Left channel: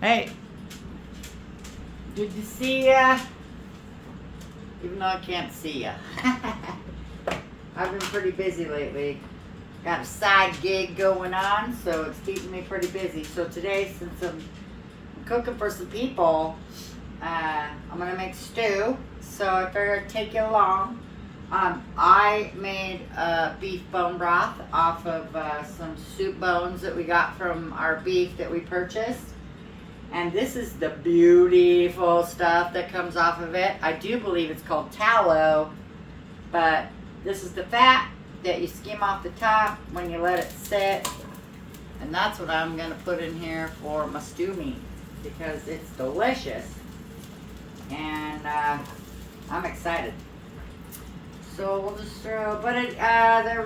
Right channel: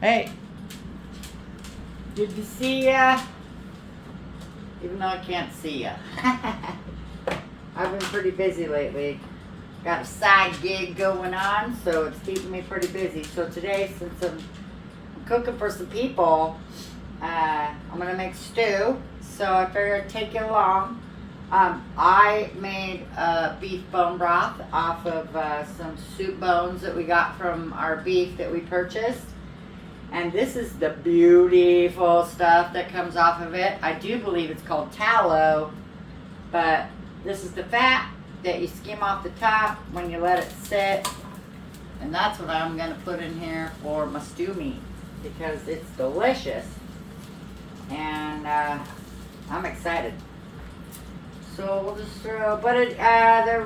Hey, good to see ya. Even though I can't see ya. I've been pretty busy lately. Got a side gig going on, so it's keeping me pretty busy. So today, since I'm cooking for some people, I'm gonna make stew. So I figured I'd take you along. I made beef bone broth off of some soup bones that we got from our beef that we purchased. And this is the beautiful stuff that comes off of it. I do believe it's called tallow, but this is the fat that you skim off the top when you let it sit. And that's what I'm gonna put in here for my stew meat because it's delicious. And I'm excited. So we'll just throw, but the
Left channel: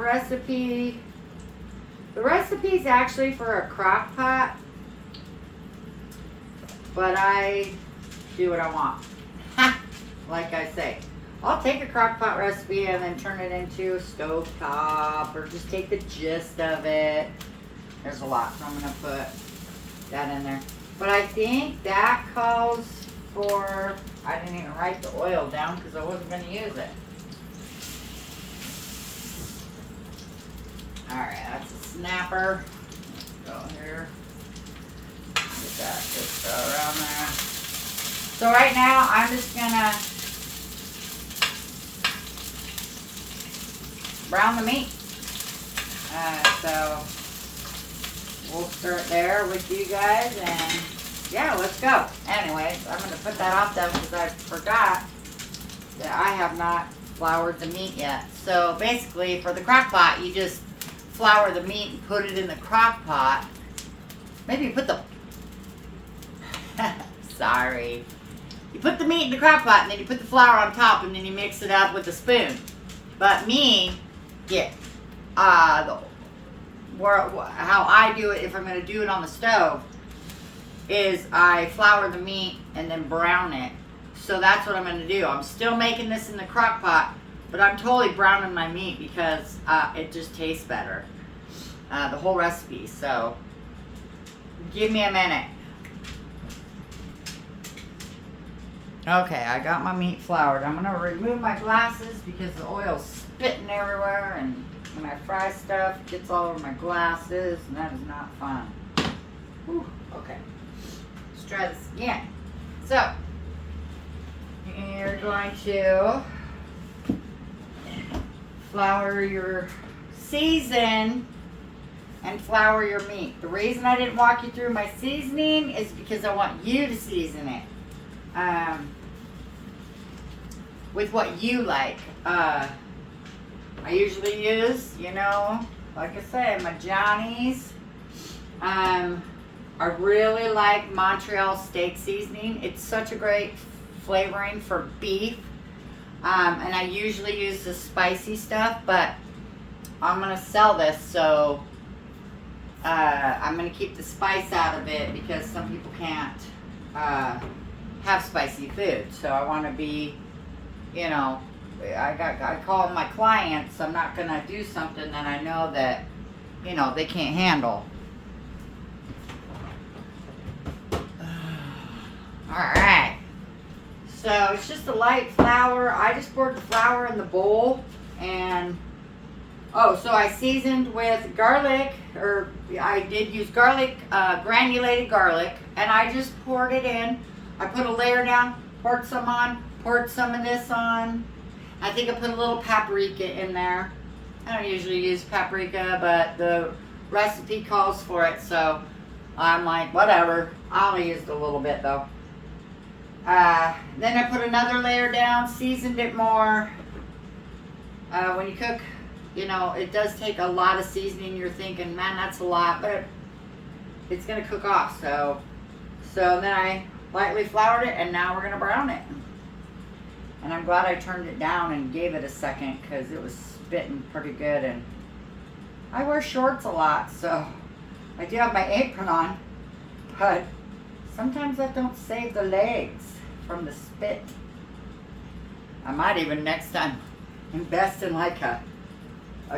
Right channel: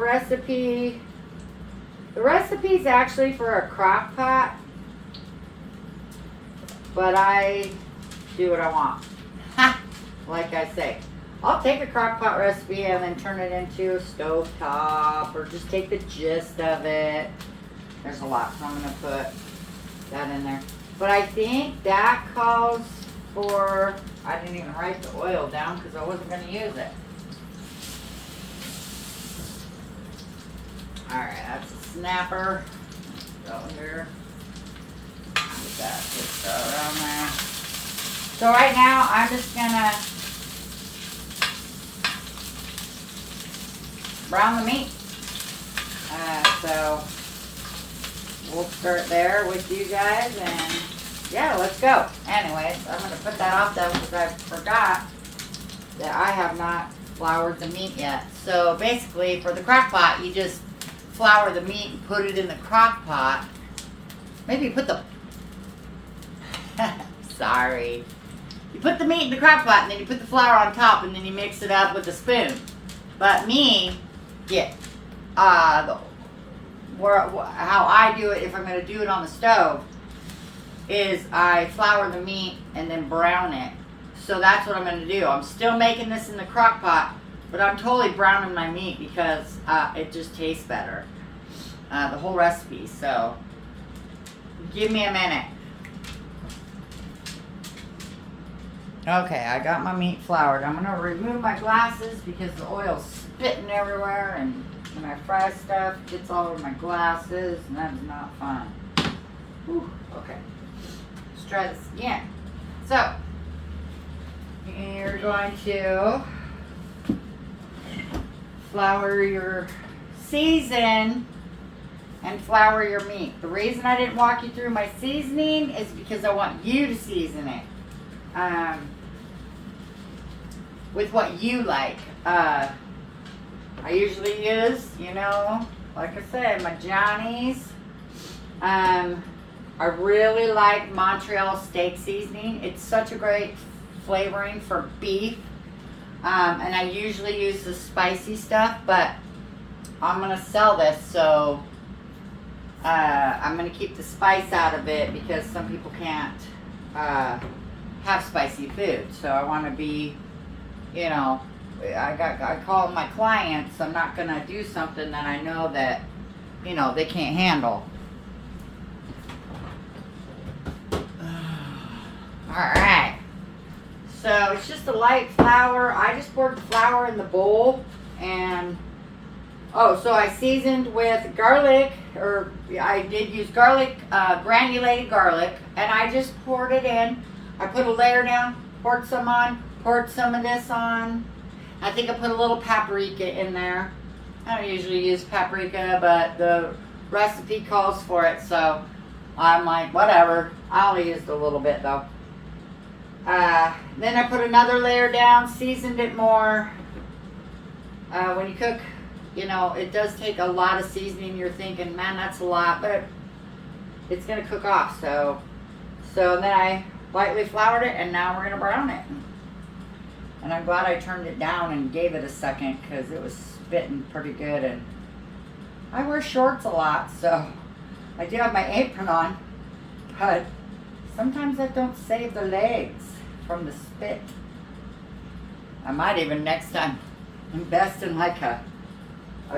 recipe's actually for a crock pot. But I do what I want. Like I say. I'll take a crock pot recipe and then turn it into a stovetop or just take the gist of it. There's a lot, so I'm going to put that in there. But I think that calls for, I didn't even write the oil down because I wasn't going to use it. Alright, that's a snapper. Go here. That just around there. So right now I'm just gonna brown the meat. So we'll start there with you guys, and yeah, let's go. Anyways, I'm gonna put that off though because I forgot that I have not floured the meat yet. So basically, for the crock pot, you just flour the meat and put it in the crock pot. Maybe you put the sorry. You put the meat in the crock pot and then you put the flour on top and then you mix it up with a spoon. But me, how I do it if I'm going to do it on the stove is I flour the meat and then brown it. So that's what I'm going to do. I'm still making this in the crock pot, but I'm totally browning my meat because it just tastes better. The whole recipe. So give me a minute. Okay, I got my meat floured. I'm gonna remove my glasses because the oil's spitting everywhere, and when I fry stuff, it gets all over my glasses, and that is not fun. Whew, okay, let's try this again. So, you're going to flour your season and flour your meat. The reason I didn't walk you through my seasoning is because I want you to season it. With what you like. I usually use, like I said, my Johnny's. I really like Montreal Steak Seasoning. It's such a great flavoring for beef. And I usually use the spicy stuff, but I'm going to sell this, so I'm going to keep the spice out of it because some people can't have spicy food. So I want to be, I call my clients. I'm not going to do something that I know that, they can't handle. All right. So it's just a light flour. I just poured the flour in the bowl and, so I seasoned with garlic, or I did use garlic, granulated garlic, and I just poured it in. I put a layer down, poured some on, poured some of this on. I think I put a little paprika in there. I don't usually use paprika, but the recipe calls for it, so I'm like, whatever. I only used a little bit though. Then I put another layer down, seasoned it more. When you cook, it does take a lot of seasoning. You're thinking, man, that's a lot, but it's gonna cook off. So then I lightly floured it, and now we're going to brown it. And I'm glad I turned it down and gave it a second because it was spitting pretty good. And I wear shorts a lot, so I do have my apron on, but sometimes that don't save the legs from the spit. I might even next time invest in like a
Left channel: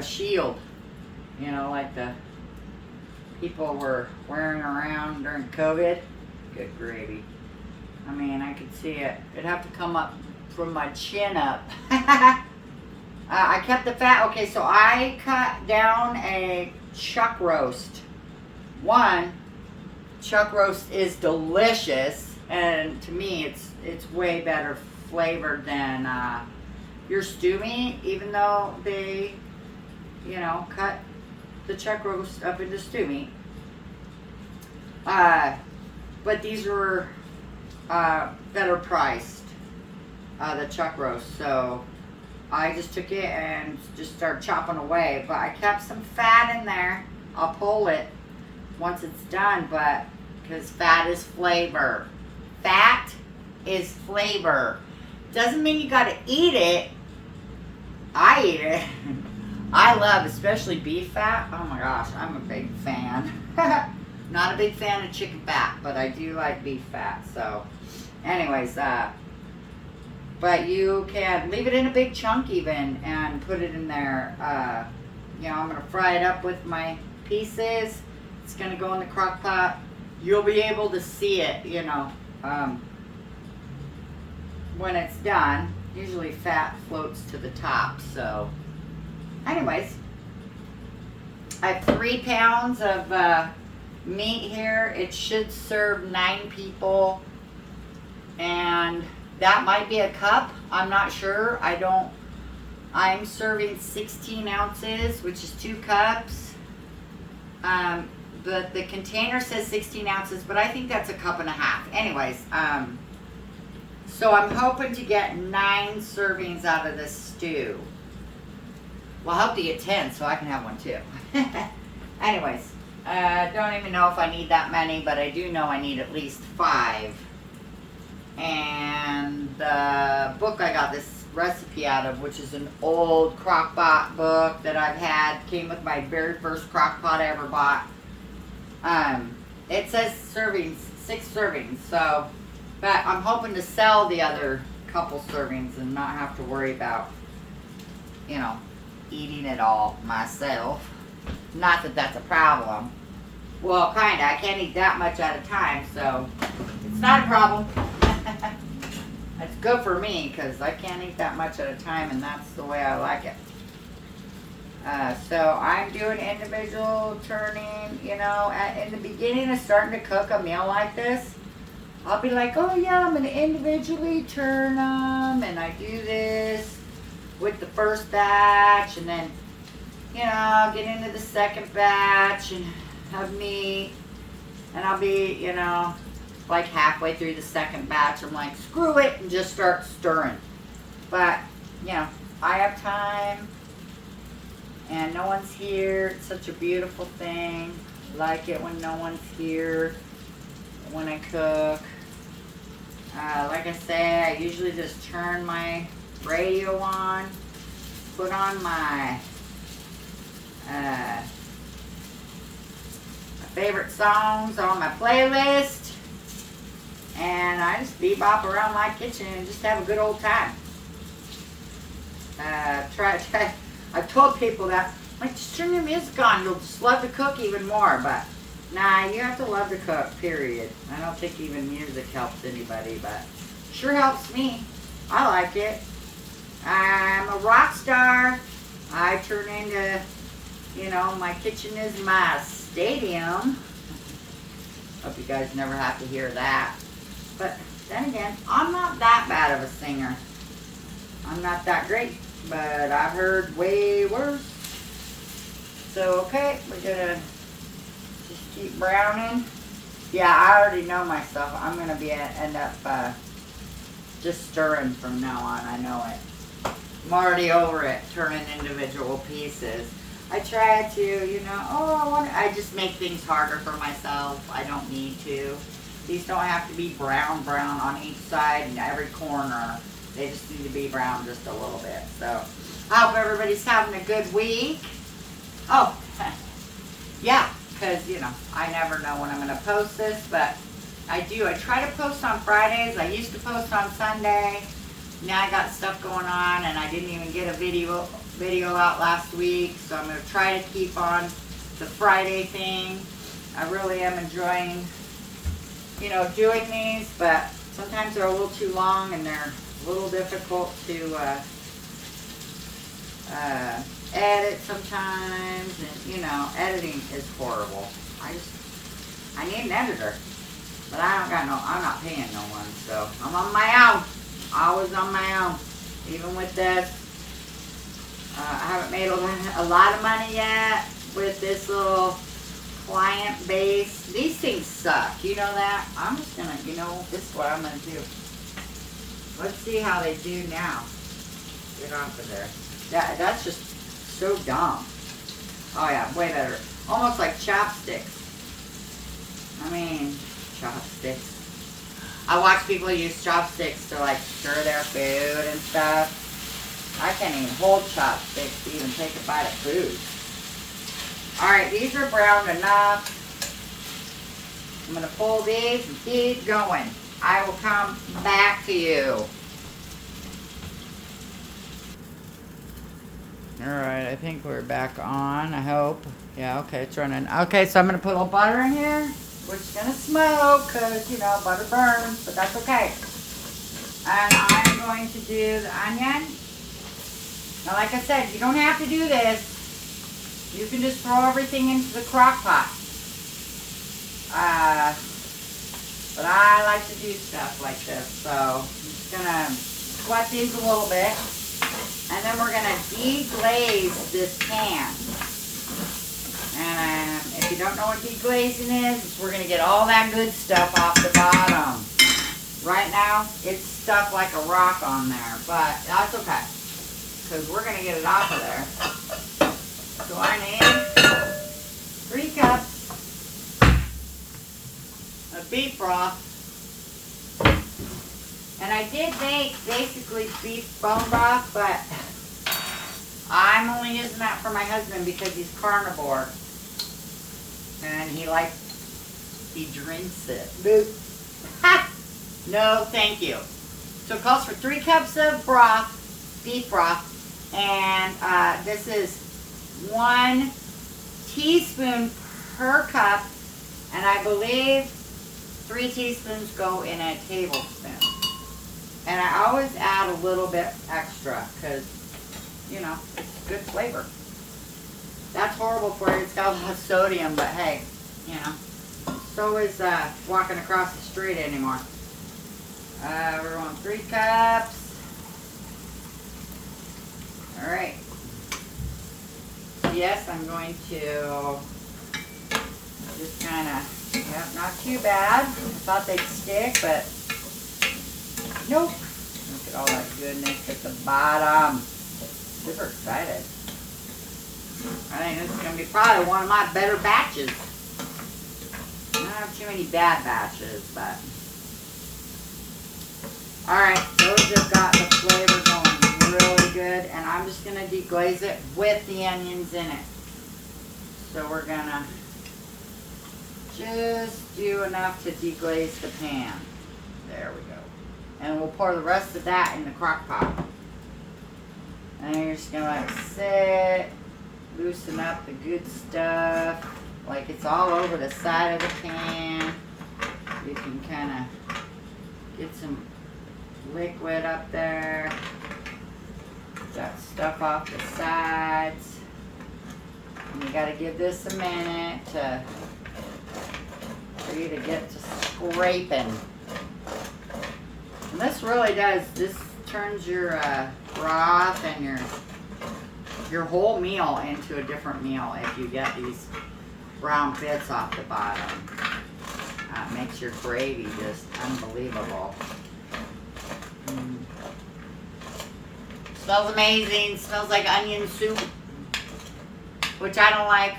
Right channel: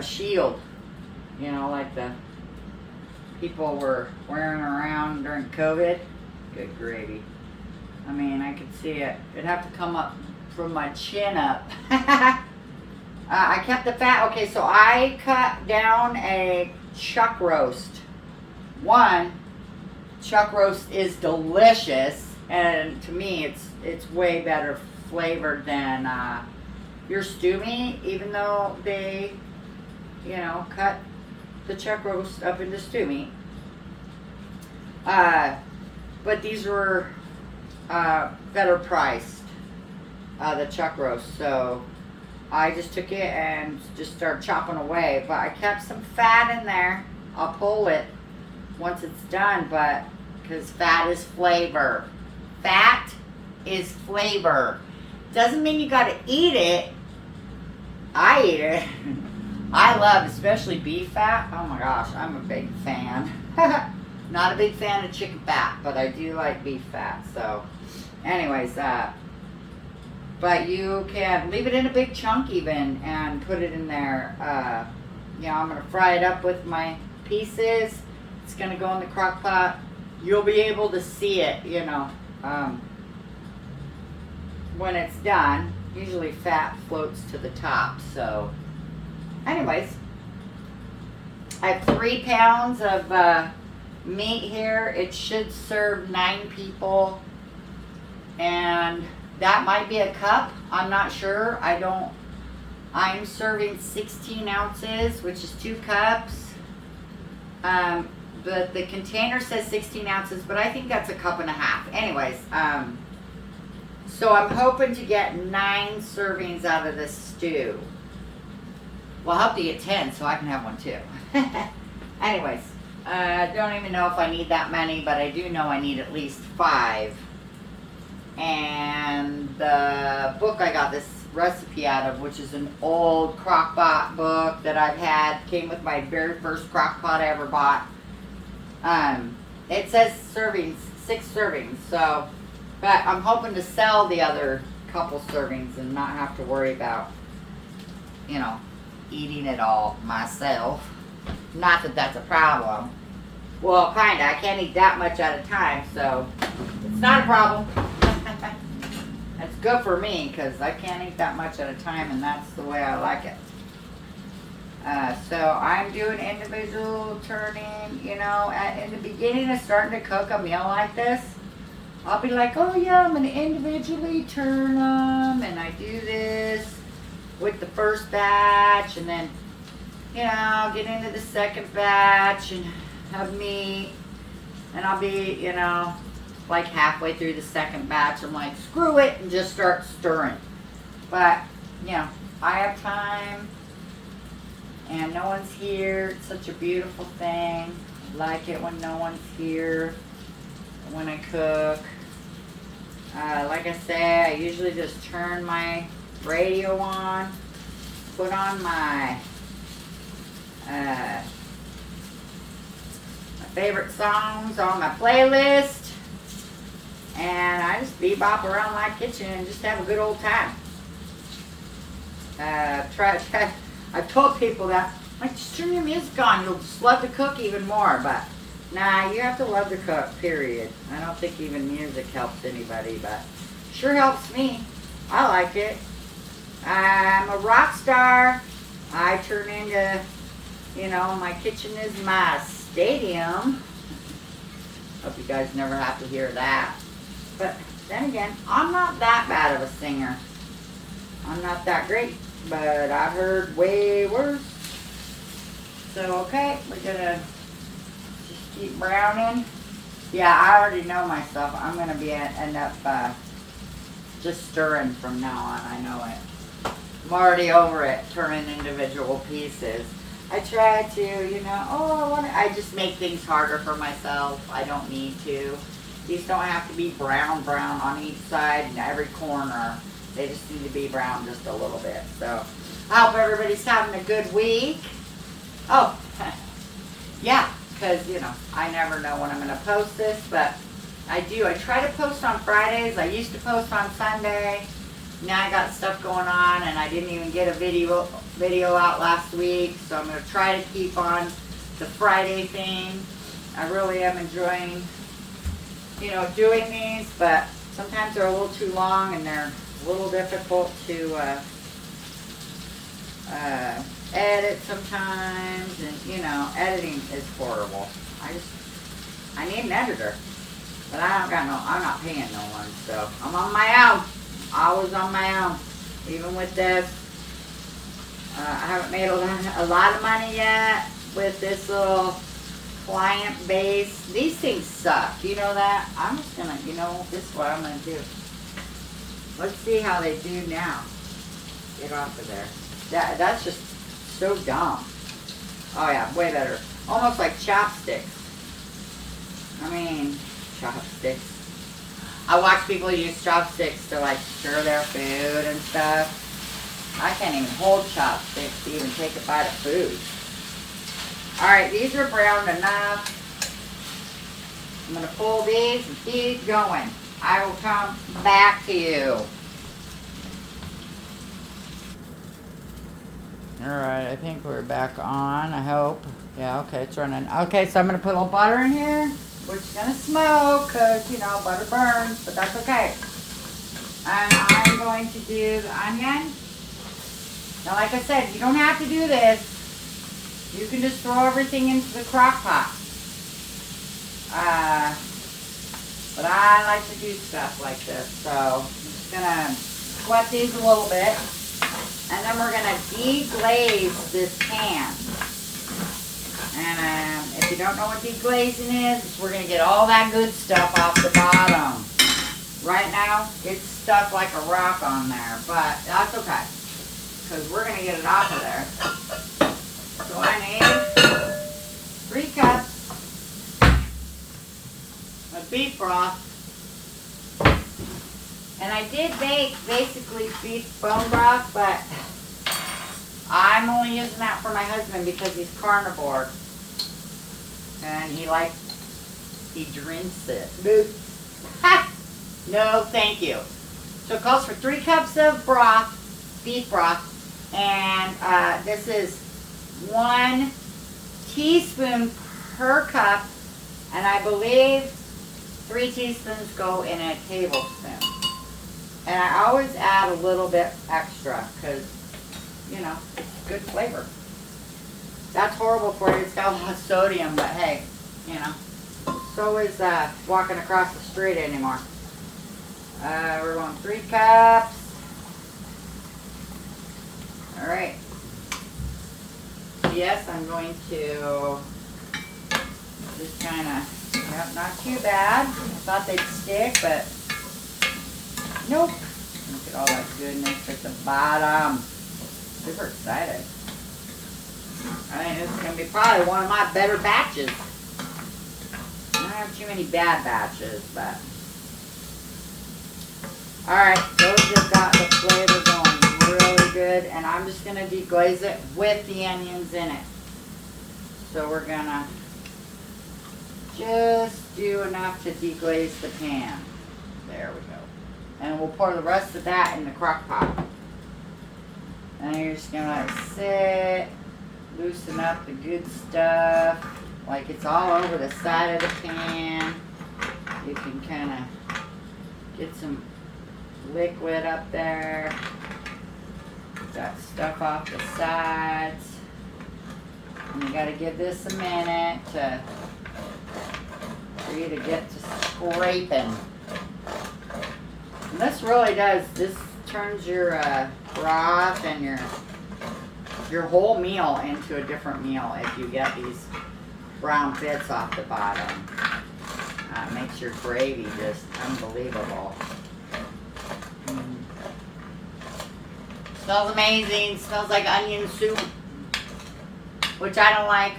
shield, like the people were wearing around during COVID. Good gravy. I mean, I could see it. It'd have to come up from my chin up. I kept the fat. Okay, so I cut down a chuck roast. One, chuck roast is delicious, and to me, it's way better flavored than your stew meat, even though they, cut the chuck roast up into stew meat. But these were better priced, the chuck roast. So I just took it and just started chopping away. But I kept some fat in there. I'll pull it once it's done, but because fat is flavor. Fat is flavor. Doesn't mean you gotta eat it. I eat it. I love, especially beef fat. Oh my gosh, I'm a big fan. Not a big fan of chicken fat, but I do like beef fat. So, anyways, but you can leave it in a big chunk even and put it in there. I'm gonna fry it up with my pieces. It's gonna go in the crock pot. You'll be able to see it, when it's done. Usually fat floats to the top. So, anyways, I have 3 pounds of meat here. It should serve 9 people, and that might be a cup. I'm not sure. I'm serving 16 ounces, which is 2 cups. The container says 16 ounces, but I think that's a cup and a half. Anyways, so I'm hoping to get 9 servings out of this stew. Well, I hope to get 10 so I can have one too. Anyways, don't even know if I need that many, but I do know I need at least 5. And the book I got this recipe out of, which is an old crock pot book that I've had, came with my very first crock pot I ever bought. It says servings, 6 servings, so, but I'm hoping to sell the other couple servings and not have to worry about, eating it all myself. Not that that's a problem. Well, kinda. I can't eat that much at a time, so it's not a problem. It's good for me because I can't eat that much at a time, and that's the way I like it. So I'm doing individual turning. In the beginning of starting to cook a meal like this, I'll be like, oh yeah, I'm going to individually turn them, and I do this with the first batch, and then, I'll get into the second batch and have meat, and I'll be, like halfway through the second batch, I'm like, screw it, and just start stirring. But, I have time, and no one's here. It's such a beautiful thing. I like it when no one's here when I cook. Like I say, I usually just turn my radio on, put on my favorite songs on my playlist, and I just bebop around my kitchen and just have a good old time. I've told people that, just turn your music on, you'll just love to cook even more, but nah, you have to love to cook, period. I don't think even music helps anybody, but sure helps me. I like it. I'm a rock star. I turn into, my kitchen is my stadium. Hope you guys never have to hear that. But then again, I'm not that bad of a singer. I'm not that great, but I've heard way worse. So, okay, we're gonna just keep browning. Yeah, I already know myself. I'm gonna end up just stirring from now on. I know it. I'm already over it, turning individual pieces. I try to, I just make things harder for myself. I don't need to. These don't have to be brown on each side and every corner. They just need to be brown just a little bit. So, I hope everybody's having a good week. Oh, yeah, because, I never know when I'm going to post this, but I do. I try to post on Fridays. I used to post on Sunday. Now I got stuff going on, and I didn't even get a video out last week, so I'm going to try to keep on the Friday thing. I really am enjoying you know, doing these, but sometimes they're a little too long and they're a little difficult to edit sometimes, and you know, editing is horrible. I need an editor, but I'm not paying no one, so I'm on my own. Always on my own, even with this. I haven't made a lot of money yet with this little client base. These things suck, you know that? I'm just gonna, you know, this is what I'm gonna do. Let's see how they do now. Get off of there. That's just so dumb. Oh yeah, way better. Almost like chopsticks. I mean, chopsticks. I watch people use chopsticks to like stir their food and stuff. I can't even hold chopsticks to even take a bite of food. Alright, these are browned enough. I'm going to pull these and keep going. I will come back to you. Alright, I think we're back on, I hope. Yeah, okay, it's running. Okay, so I'm going to put a little butter in here, which is going to smoke because, you know, butter burns, but that's okay. And I'm going to do the onion. Now, like I said, you don't have to do this. You can just throw everything into the crock pot. But I like to do stuff like this. So I'm just going to sweat these a little bit. And then we're going to deglaze this pan. And if you don't know what deglazing is, we're going to get all that good stuff off the bottom. Right now, it's stuck like a rock on there, but that's okay. Because we're going to get it off of there. So I need 3 cups of beef broth. And I did make basically beef bone broth, but I'm only using that for my husband because he's carnivore. And he drinks it. Ha! No, thank you. So it calls for 3 cups of broth, beef broth. And this is 1 teaspoon per cup, and I believe 3 teaspoons go in a tablespoon. And I always add a little bit extra because, you know, it's good flavor. That's horrible for you. It's got a lot of sodium, but hey, you know, so is walking across the street anymore. We're going 3 cups. All right. Yes, I'm going to just kind of, yep, not too bad. I thought they'd stick, but nope. Look at all that goodness at the bottom. Super excited. I think this is going to be probably one of my better batches. I don't have too many bad batches, but. Alright, those have got the flavor going really good, and I'm just going to deglaze it with the onions in it. So we're going to just do enough to deglaze the pan. There we go. And we'll pour the rest of that in the crock pot. And you're just going to let it sit, loosen up the good stuff, like it's all over the side of the pan. You can kind of get some liquid up there. Got stuff off the sides. And you got to give this a minute for you to get to scraping. And this really does, this turns your broth and your whole meal into a different meal if you get these brown bits off the bottom. It makes your gravy just unbelievable. Smells amazing. Smells like onion soup, which I don't like.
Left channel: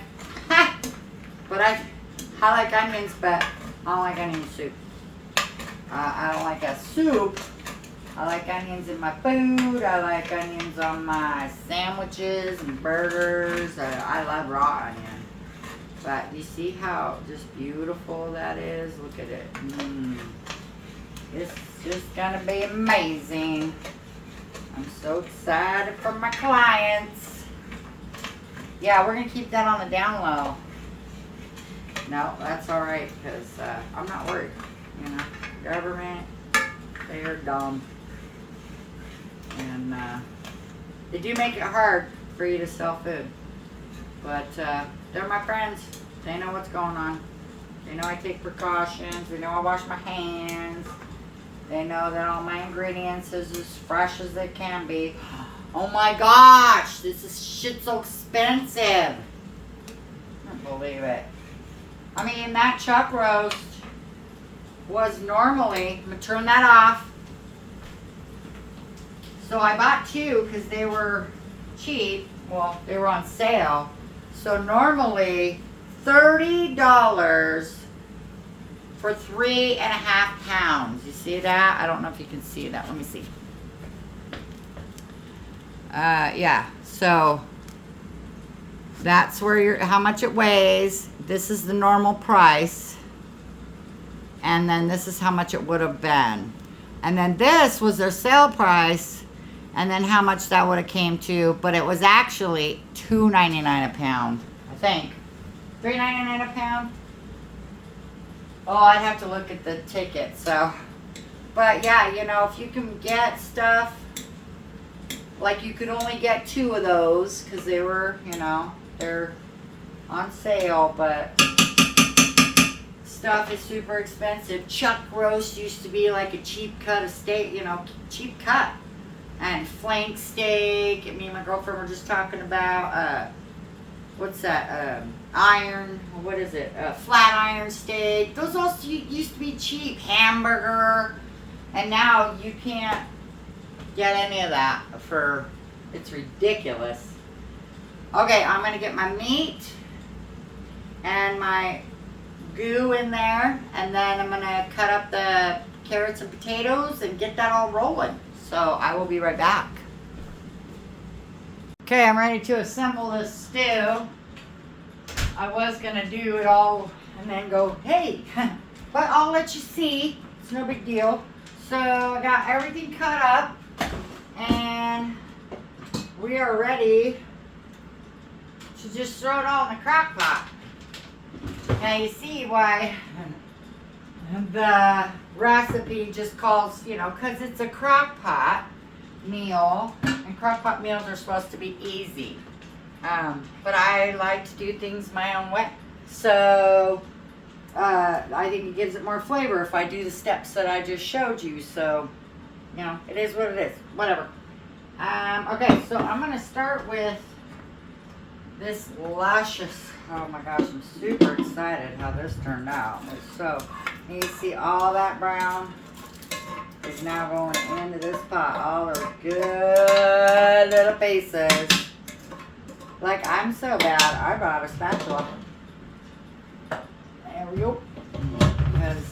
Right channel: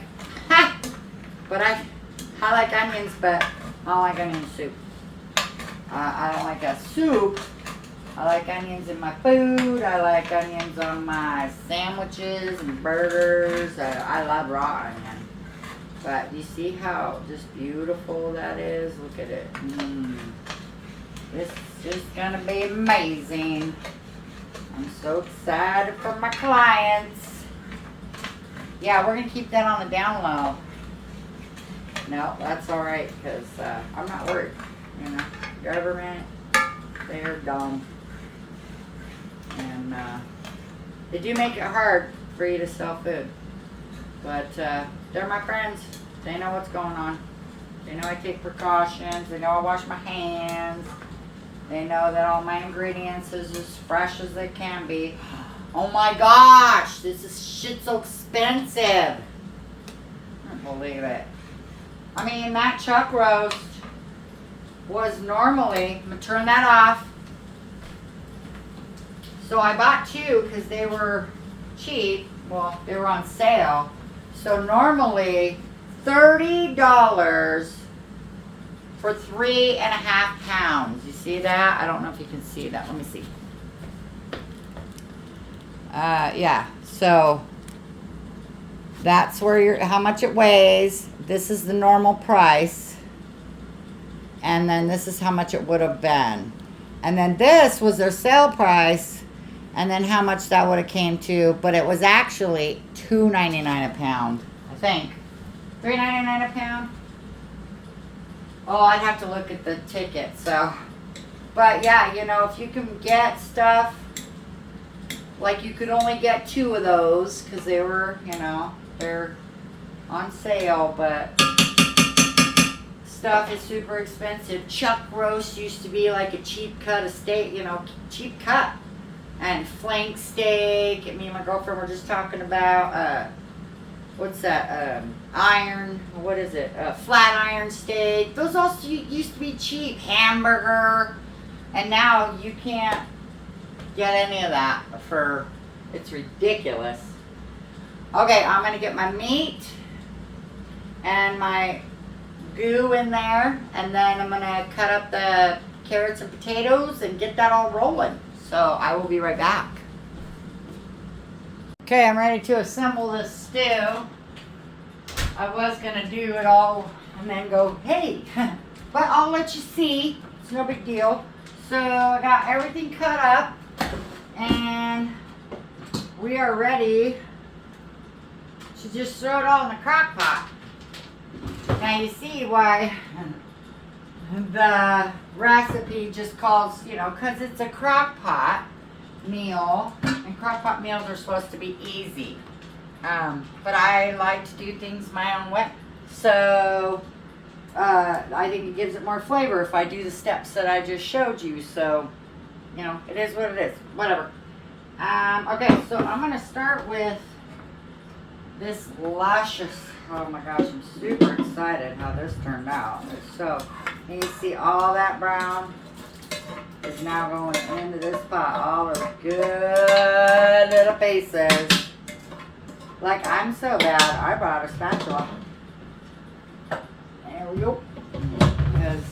But I like onions, but I don't like onion soup. I don't like a soup. I like onions in my food. I like onions on my sandwiches and burgers. I love raw onion. But you see how just beautiful that is? Look at it. This is just going to be amazing. I'm so excited for my clients. Yeah, we're going to keep that on the down low. No, that's all right because I'm not worried. You know, government, they're dumb. And they do make it hard for you to sell food. But they're my friends. They know what's going on. They know I take precautions. They know I wash my hands. They know that all my ingredients is as fresh as they can be. Oh my gosh, this is shit so expensive. I can't believe it. I mean, that chuck roast was normally, I'm gonna turn that off. So I bought two because they were cheap. Well, they were on sale. So normally $30 for 3.5 pounds. You see that? I don't know if you can see that. Let me see. Yeah. So that's where how much it weighs. This is the normal price. And then this is how much it would have been. And then this was their sale price. And then how much that would have came to. But it was actually $2.99 a pound. I think. $3.99 a pound. Oh, I'd have to look at the ticket. So, but yeah, you know, if you can get stuff, like you could only get 2 of those because they were, you know, they're on sale, but stuff is super expensive. Chuck roast used to be like a cheap cut of steak, you know, cheap cut. And flank steak. Me and my girlfriend were just talking about, what's that, iron, what is it, flat iron steak. Those also used to be cheap. Hamburger. And now you can't get any of that for, it's ridiculous. Okay, I'm going to get my meat and my goo in there. And then I'm going to cut up the carrots and potatoes and get that all rolling. So I will be right back. Okay, I'm ready to assemble this stew. I was going to do it all and then go, hey, but I'll let you see. It's no big deal. So I got everything cut up and we are ready to just throw it all in the crock pot. Now you see why the recipe just calls, you know, because it's a crock pot meal, and crock pot meals are supposed to be easy. But I like to do things my own way. So I think it gives it more flavor if I do the steps that I just showed you. So, you know, it is what it is. Whatever. Okay, so I'm going to start with this luscious, oh my gosh, I'm super excited how this turned out. It's so, you see all that brown is now going into this pot. All those good little pieces. Like, I'm so bad, I brought a spatula. There we go. Because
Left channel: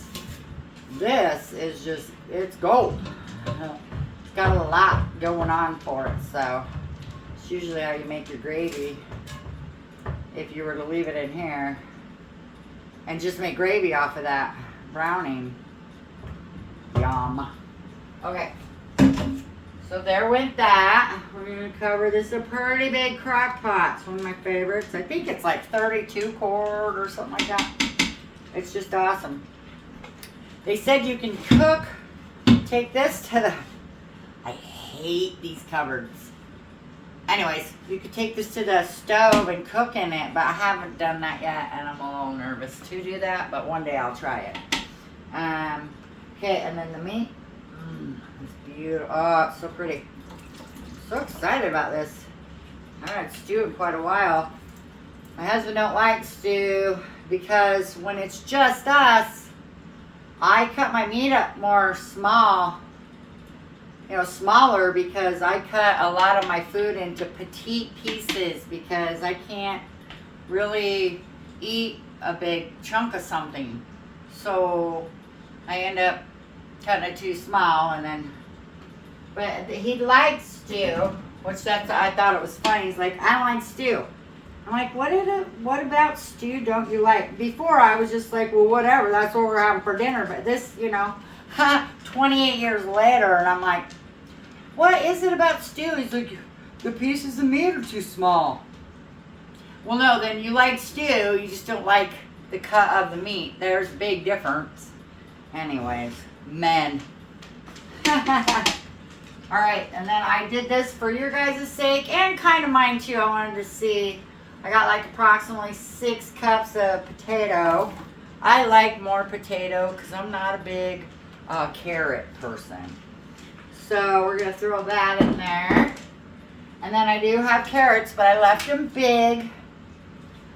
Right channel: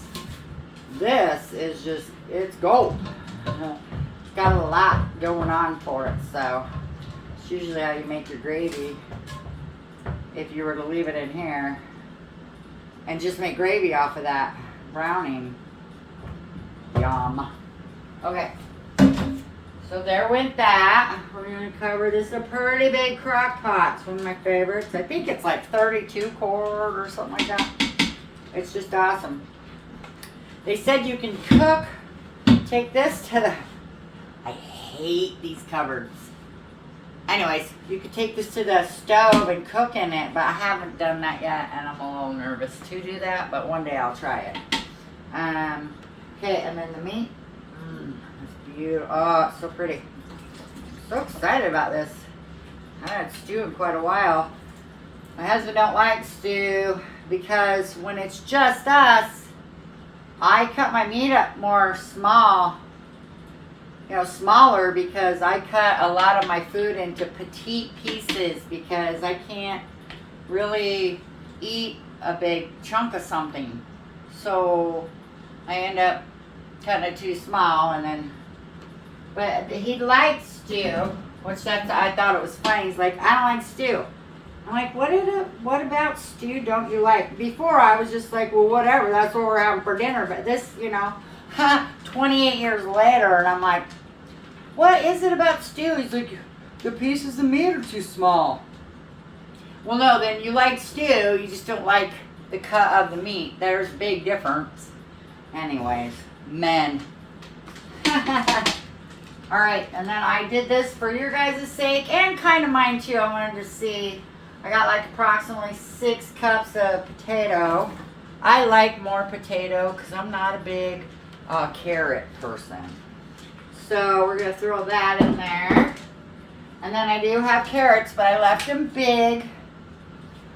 this is just, it's gold. It's got a lot going on for it, so it's usually how you make your gravy. If you were to leave it in here and just make gravy off of that browning. Yum. Okay. So there went that. We're going to cover this. A pretty big crock pot. It's one of my favorites. I think it's like 32 quart or something like that. It's just awesome. They said you can cook. Take this to the... I hate these cupboards. Anyways, you could take this to the stove and cook in it, but I haven't done that yet, and I'm a little nervous to do that, but one day I'll try it. Okay, and then the meat. It's beautiful. Oh, it's so pretty. I'm so excited about this. I haven't had stew in quite a while. My husband don't like stew because when it's just us, I cut my meat up more small. You know, smaller, because I cut a lot of my food into petite pieces because I can't really eat a big chunk of something. So I end up cutting it too small, and then, but he likes stew, which I thought it was funny. He's like, I don't like stew. I'm like, what about stew don't you like? Before I was just like, well, whatever, that's what we're having for dinner. But this, you know, 28 years later, and I'm like, what is it about stew? He's like, the pieces of meat are too small. Well, no, then you like stew, you just don't like the cut of the meat. There's a big difference. Anyways, men. Alright, and then I did this for your guys' sake and kind of mine too. I wanted to see. I got like approximately 6 cups of potato. I like more potato because I'm not a big carrot person. So we're going to throw that in there. And then I do have carrots, but I left them big.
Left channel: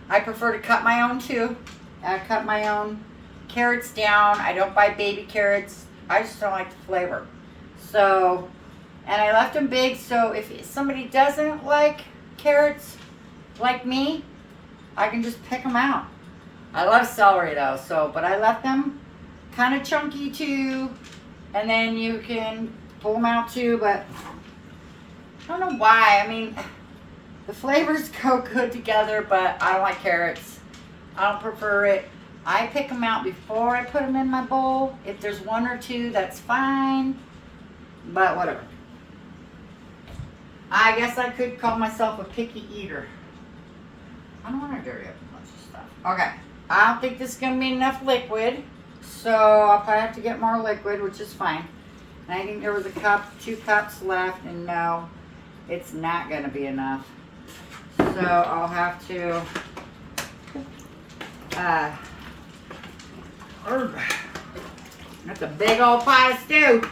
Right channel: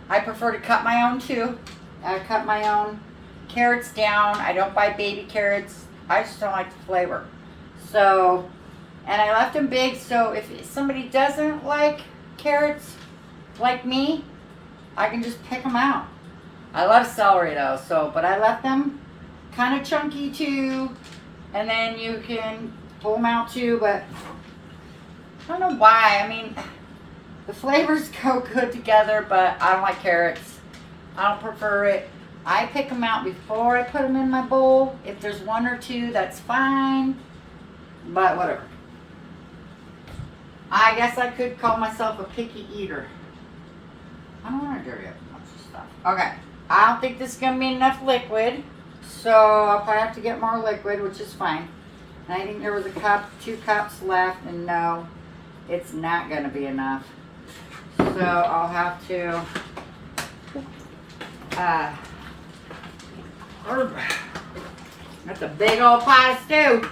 I prefer to cut my own too. I cut my own carrots down. I don't buy baby carrots. I just don't like the flavor. So, and I left them big, so if somebody doesn't like carrots like me, I can just pick them out. I love celery though, so, but I left them kind of chunky too, and then you can pull them out too, but I don't know why. I mean, the flavors go good together, but I don't like carrots. I don't prefer it. I pick them out before I put them in my bowl. If there's 1 or 2, that's fine, but whatever. I guess I could call myself a picky eater. I don't want to dirty up a bunch of stuff. Okay, I don't think this is going to be enough liquid, so I'll probably have to get more liquid, which is fine. And I think there was a cup, 2 cups left, and no, it's not going to be enough. So I'll have to, that's a big old pot of stew.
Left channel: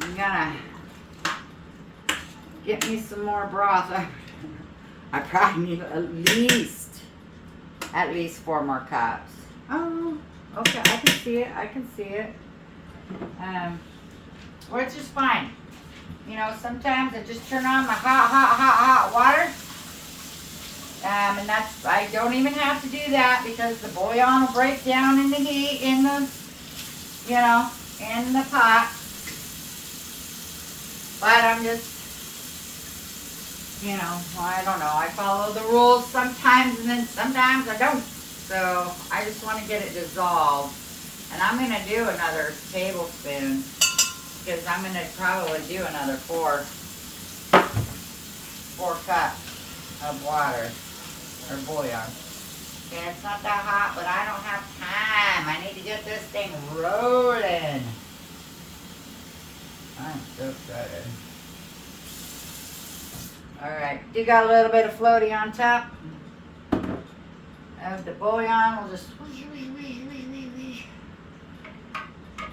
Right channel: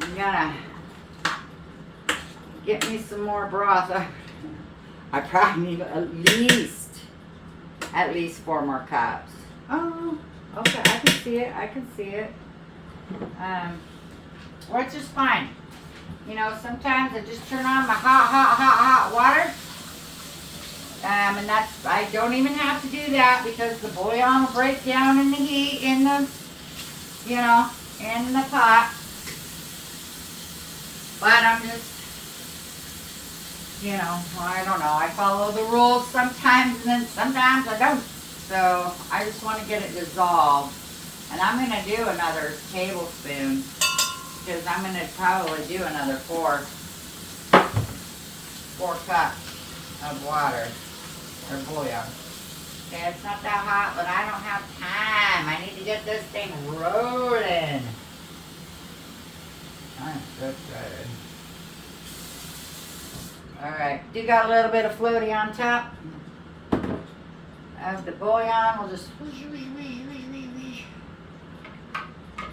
I'm gonna get me some more broth. I probably need at least 4 more cups. Oh, okay, I can see it, I can see it. Which is fine. You know, sometimes I just turn on my hot water. And that's, I don't even have to do that because the bouillon will break down in the heat in the, you know, in the pot. But I'm just, you know, I don't know. I follow the rules sometimes and then sometimes I don't. So I just want to get it dissolved. And I'm going to do another tablespoon because I'm going to probably do another 4 cups of water or bouillon. Okay, it's not that hot, but I don't have time. I need to get this thing rolling. I'm so excited. Alright, you got a little bit of floaty on top of the bouillon. We'll just...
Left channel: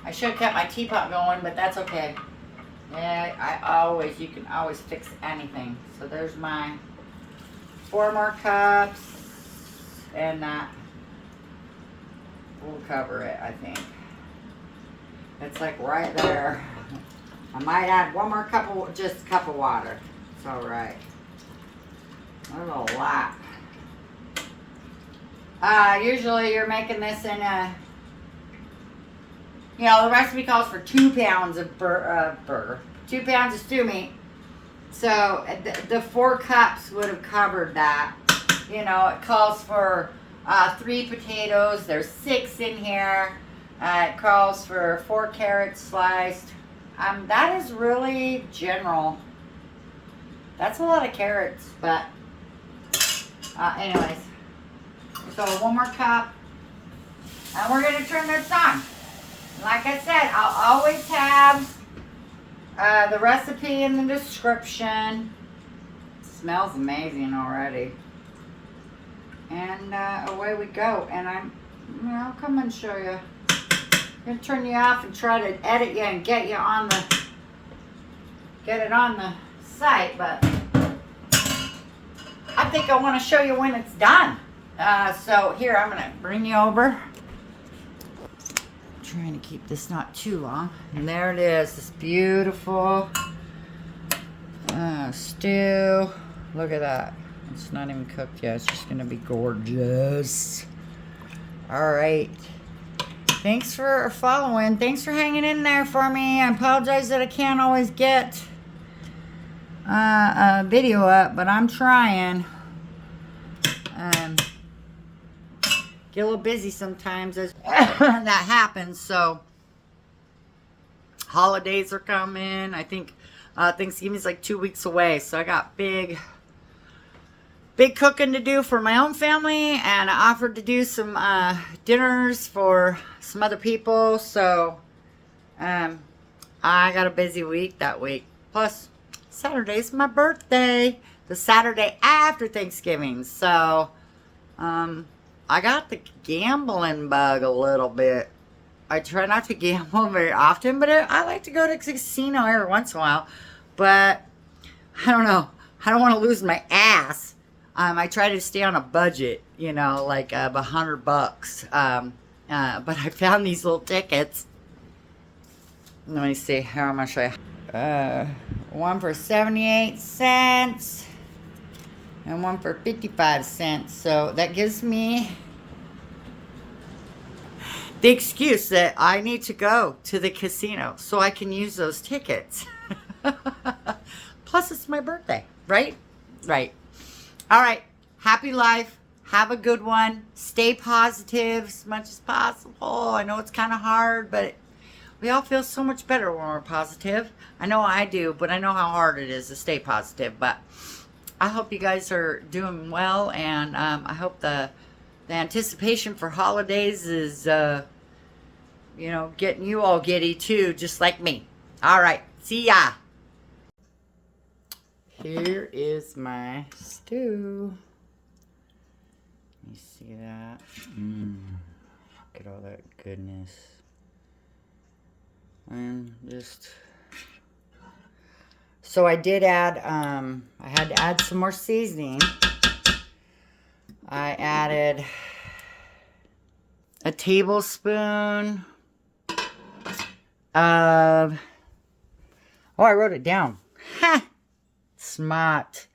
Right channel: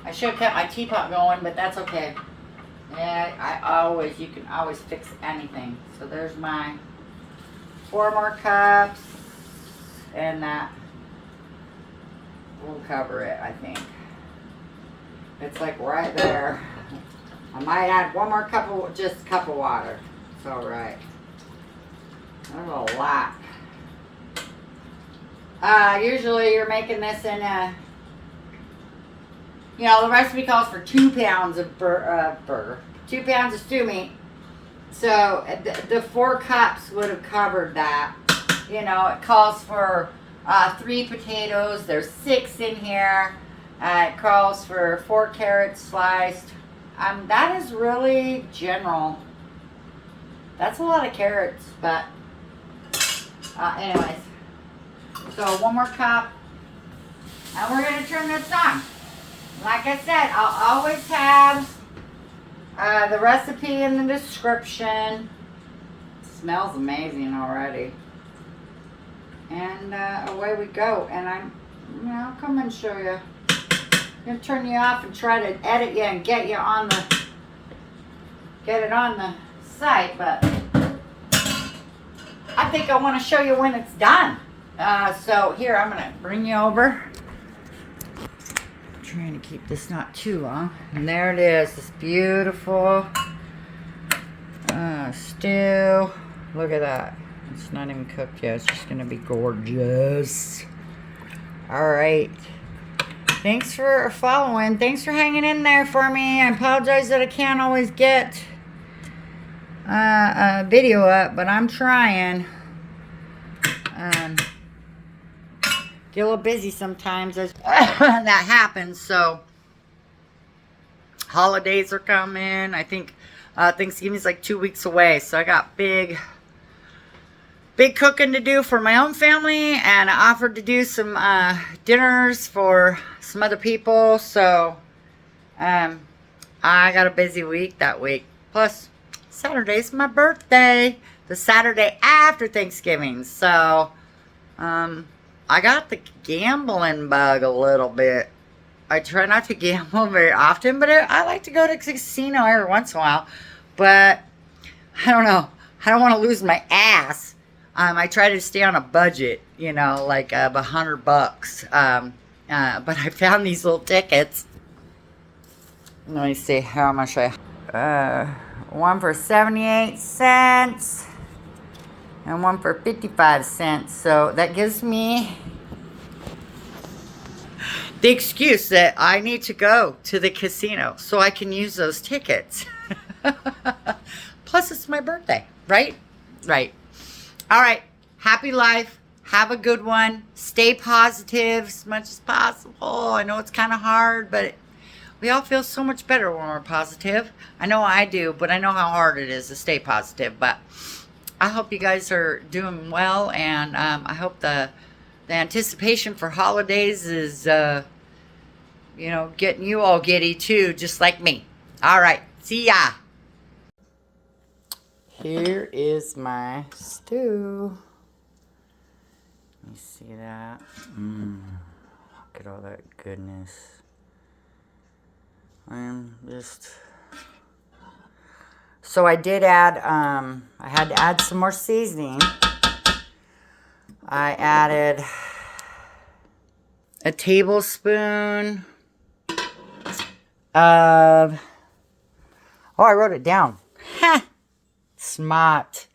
I should have kept my teapot going, but that's okay. Yeah, you can always fix anything. So there's my 4 more cups, and that will cover it, I think. It's like right there. I might add 1 more cup of, just a cup of water. It's all right. There's a lot. Usually you're making this in a, you know, the recipe calls for 2 pounds of burger, 2 pounds of stew meat. So the 4 cups would have covered that. You know, it calls for 3 potatoes. There's 6 in here. It calls for 4 carrots sliced. That is really general. That's a lot of carrots, but anyways. So 1 more cup. And we're going to turn this on. Like I said, I'll always have the recipe in the description. It smells amazing already. And away we go. And I'll come and show you. I'm going to turn you off and try to edit you and get it on the site, but I think I want to show you when it's done. So here, I'm going to bring you over. I'm trying to keep this not too long. And there it is, this beautiful stew. Look at that. It's not even cooked yet. It's just going to be gorgeous. All right. Thanks for following. Thanks for hanging in there for me. I apologize that I can't always get a video up, but I'm trying. Get a little busy sometimes as that happens. So holidays are coming. I think Thanksgiving's like 2 weeks away. So I got big cooking to do for my own family, and I offered to do some dinners for some other people. So, I got a busy week that week. Plus, Saturday's my birthday. The Saturday after Thanksgiving. So, I got the gambling bug a little bit. I try not to gamble very often, but I like to go to a casino every once in a while. But, I don't know. I don't want to lose my ass. I try to stay on a budget, you know, like of $100. But I found these little tickets. Let me see, how much one for 78 cents and one for 55 cents. So that gives me the excuse that I need to go to the casino so I can use those tickets. Plus, it's my birthday, right? Right. All right. Happy life. Have a good one. Stay positive as much as possible. I know it's kind of hard, but we all feel so much better when we're positive. I know I do, but I know how hard it is to stay positive. But I hope you guys are doing well, and I hope the anticipation for holidays is, you know, getting you all giddy too, just like me. All right. See ya. Here is my stew. Let me see that. Look at all that goodness. I'm just... So I did add, I had to add some more seasoning. I added a tablespoon of... Oh, I wrote it down. Ha! Smart.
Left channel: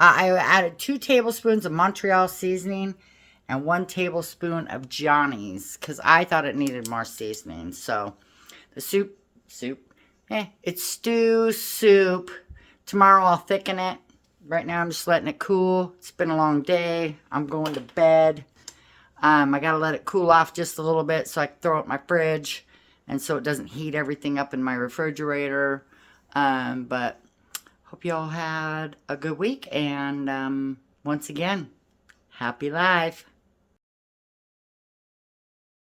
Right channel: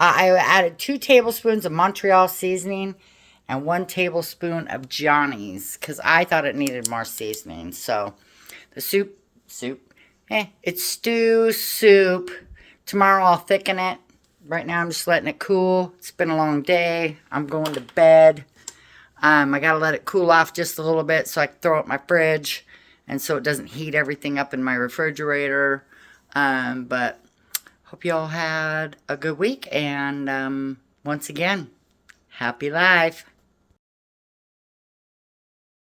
I added 2 tablespoons of Montreal seasoning and 1 tablespoon of Johnny's because I thought it needed more seasoning. So the soup, it's stew soup. Tomorrow I'll thicken it. Right now I'm just letting it cool. It's been a long day. I'm going to bed. I gotta let it cool off just a little bit so I can throw it in my fridge and so it doesn't heat everything up in my refrigerator. But hope you all had a good week, and once again, happy life.